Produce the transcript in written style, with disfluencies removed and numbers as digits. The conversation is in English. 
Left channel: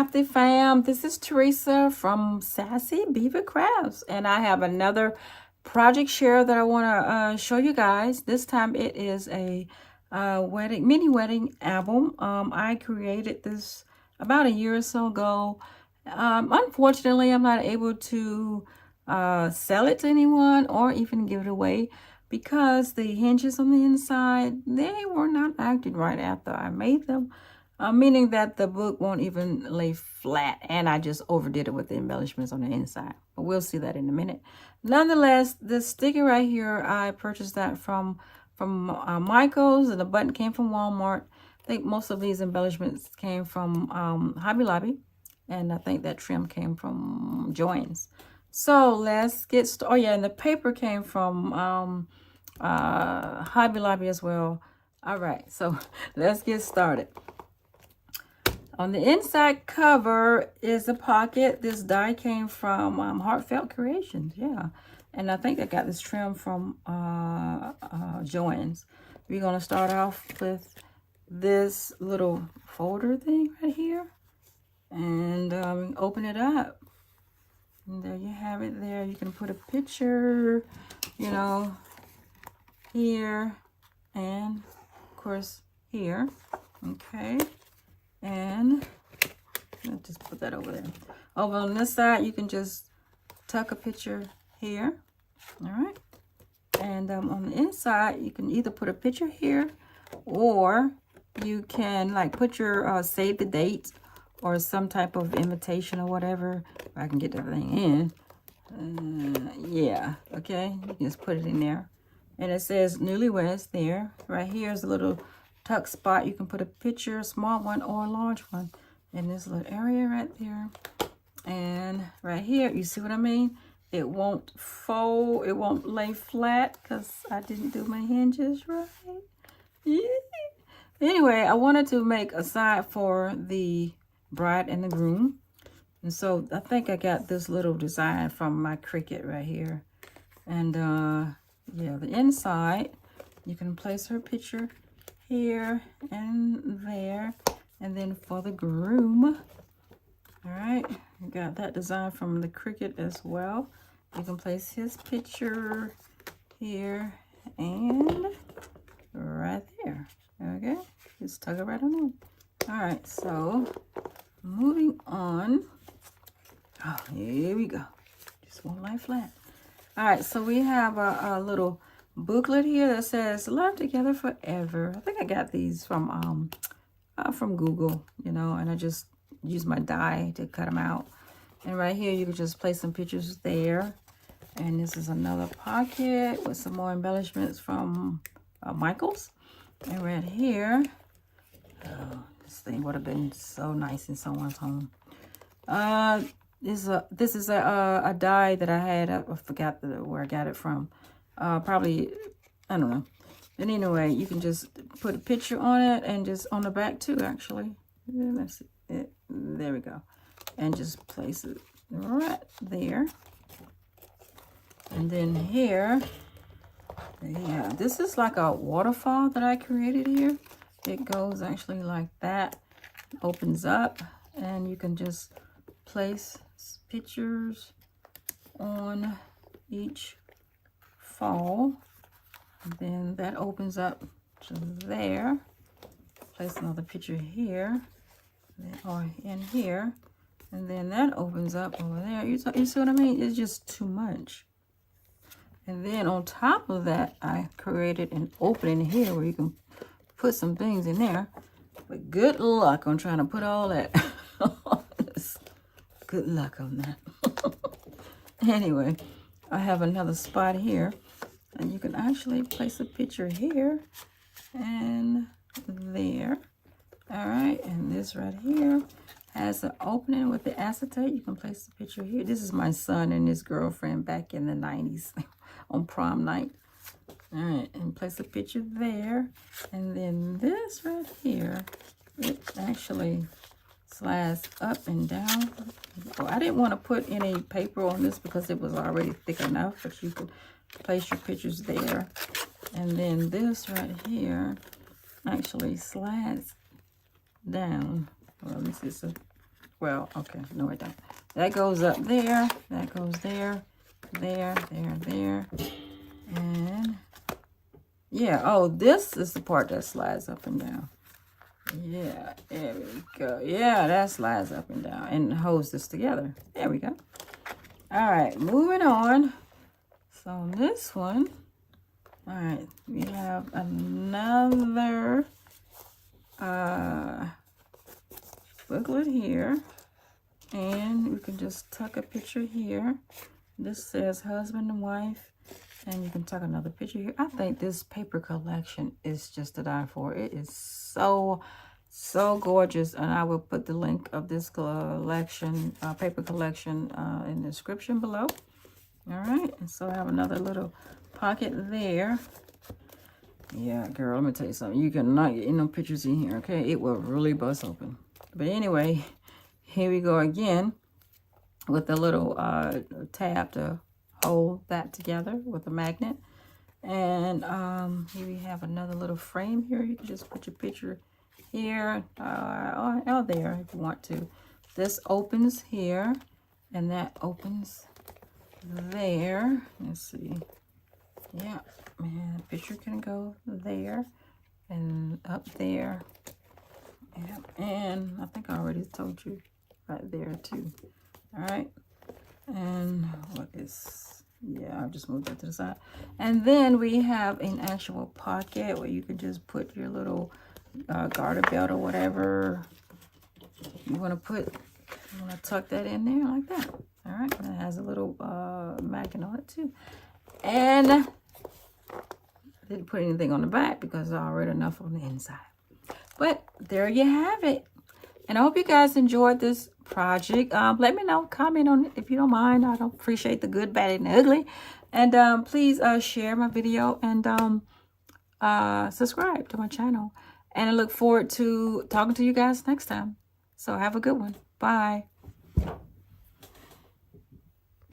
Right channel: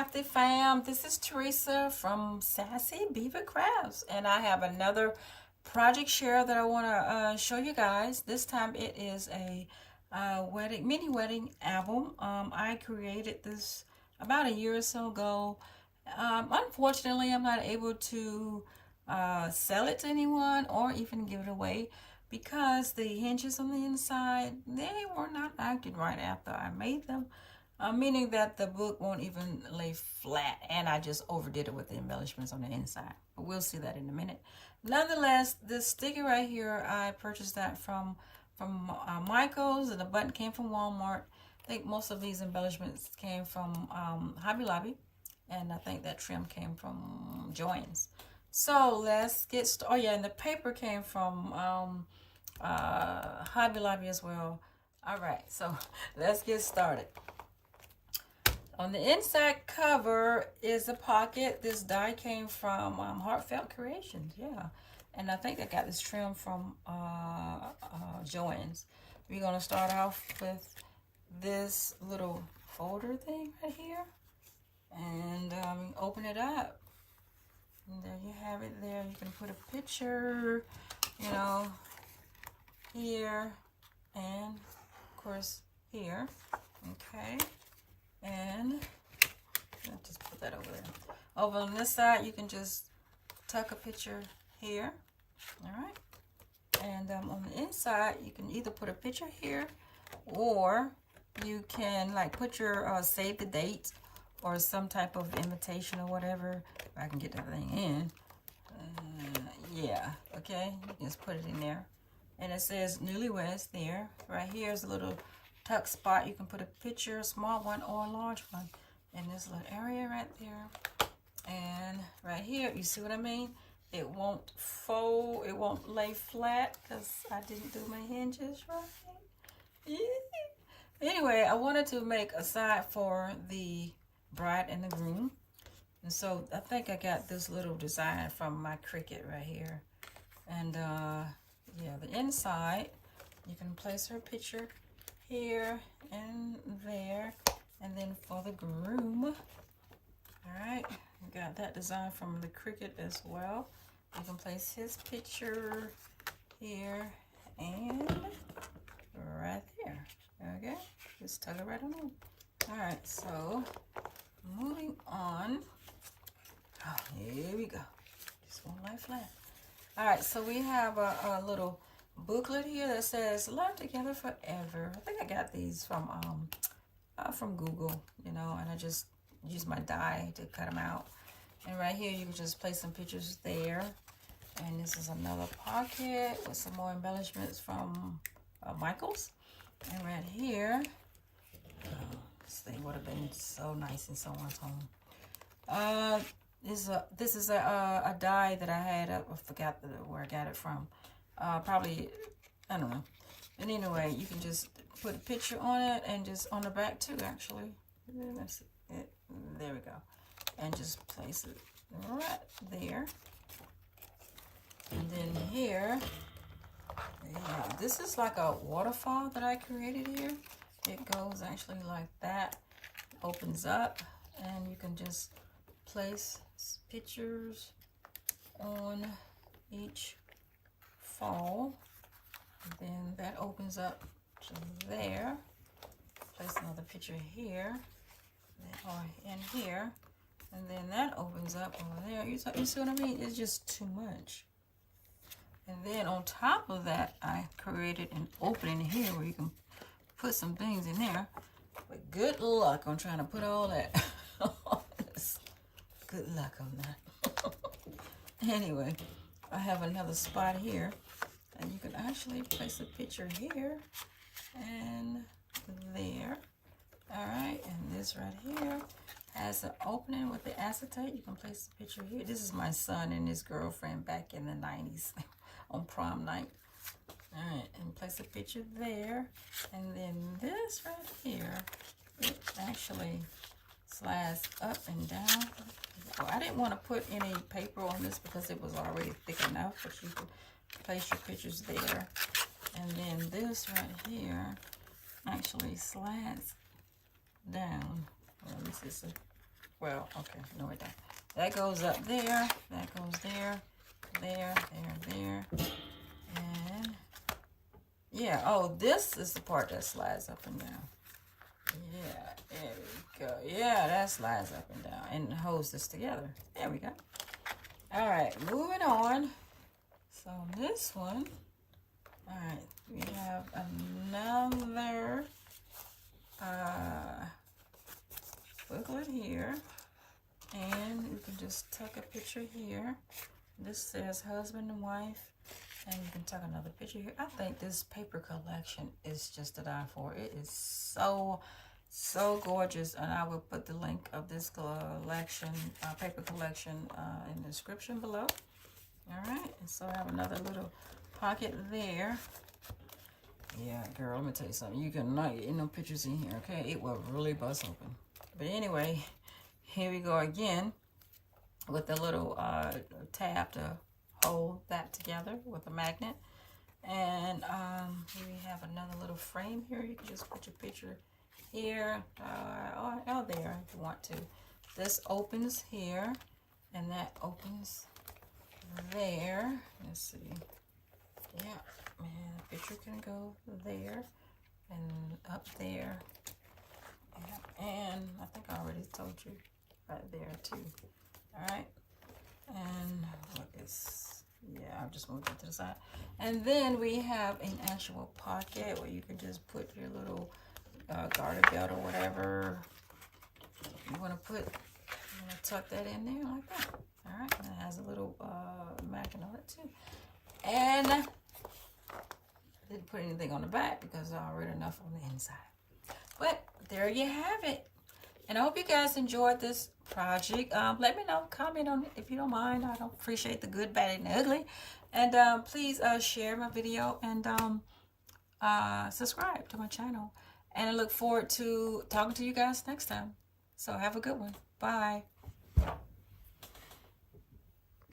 crafty fam, this is Teresa from Sassy Beaver Crafts, and I have another project share that I want to show you guys. This time it is a mini wedding album. I created this about a year or so ago. Unfortunately, I'm not able to sell it to anyone or even give it away because the hinges on the inside, they were not acted right after I made them. Meaning that the book won't even lay flat, and I just overdid it with the embellishments on the inside. But we'll see that in a minute. Nonetheless, this sticker right here, I purchased that from Michael's, and the button came from Walmart. I think most of these embellishments came from Hobby Lobby, and I think that trim came from Joann's. So let's get started. Oh yeah, and the paper came from Hobby Lobby as well. All right, so let's get started. On the inside cover is a pocket. This die came from Heartfelt Creations, yeah. And I think I got this trim from Joann's. We're gonna start off with this little folder thing right here. And open it up. And there you have it there. You can put a picture, you know, here and of course here, okay. And let's just put that over there. Over on this side, you can just tuck a picture here. All right. And on the inside, you can either put a picture here, or you can like put your save the date or some type of invitation or whatever. If I can get that thing in. Yeah. Okay. You can just put it in there. And it says newlyweds there. Right here is a little tuck spot. You can put a picture, a small one or a large one, in this little area right there. And right here, you see what I mean? It won't fold, it won't lay flat because I didn't do my hinges right. Yeah. Anyway, I wanted to make a side for the bride and the groom. And so I think I got this little design from my Cricut right here. And yeah, the inside, you can place her picture here and there. And then for the groom, all right, you got that design from the Cricut as well. You can place his picture here and right there. Okay, just tuck it right on in. All right, so moving on. Oh, here we go. Just won't lay flat. All right, so we have a little booklet here that says "Love Together Forever." I think I got these from Google, you know, and I just use my die to cut them out. And right here, you can just place some pictures there. And this is another pocket with some more embellishments from Michael's. And right here, oh, this thing would have been so nice in someone's home. This is a die that I had. I forgot where I got it from. Probably, I don't know. And anyway, you can just put a picture on it, and just on the back too, actually. Let's see it. There we go. And just place it right there. And then here, yeah, this is like a waterfall that I created here. It goes actually like that, opens up, and you can just place pictures on each fall. And then that opens up to there. Place another picture here, or in here, and then that opens up over there. You see what I mean? It's just too much. And then on top of that, I created an opening here where you can put some things in there. But good luck on trying to put all that. Good luck on that. Anyway, I have another spot here. And you can actually place a picture here and there. All right, and this right here has an opening with the acetate. You can place the picture here. This is my son and his girlfriend back in the 90s on prom night. All right, and place a picture there. And then this right here, it actually slides up and down. Well, I didn't want to put any paper on this because it was already thick enough, but you could place your pictures there. And then this right here actually slides down. Well, let me see. So Well, okay, no it don't. That goes up there, that goes there, there, and yeah, oh, this is the part that slides up and down. Yeah, there we go. Yeah, that slides up and down and holds this together. There we go. All right, moving on. So this one, all right, we have another booklet here, and we can just tuck a picture here. This says husband and wife, and you can tuck another picture here. I think this paper collection is just to die for. It is so gorgeous, and I will put the link of this collection, paper collection, in the description below. All right, and so I have another little pocket there. Yeah, girl, let me tell you something. You cannot get no pictures in here, okay? It will really bust open. But anyway, here we go again with a little tab to hold that together with a magnet. And here we have another little frame here. You can just put your picture here or there if you want to. This opens here, and that opens there. Let's see. Yeah, and the picture can go there and up there. Yeah, and I think I already told you right there too. All right, and what is, yeah, I'll just move that to the side. And then we have an actual pocket where you could just put your little garter belt or whatever you want to put. You want to tuck that in there like that. All right, and it has a little magnet on it too. And I didn't put anything on the back because I already enough on the inside. But there you have it. And I hope you guys enjoyed this project. Let me know, comment on it if you don't mind. I don't appreciate the good, bad, and ugly. And please share my video and subscribe to my channel. And I look forward to talking to you guys next time. So have a good one. Bye.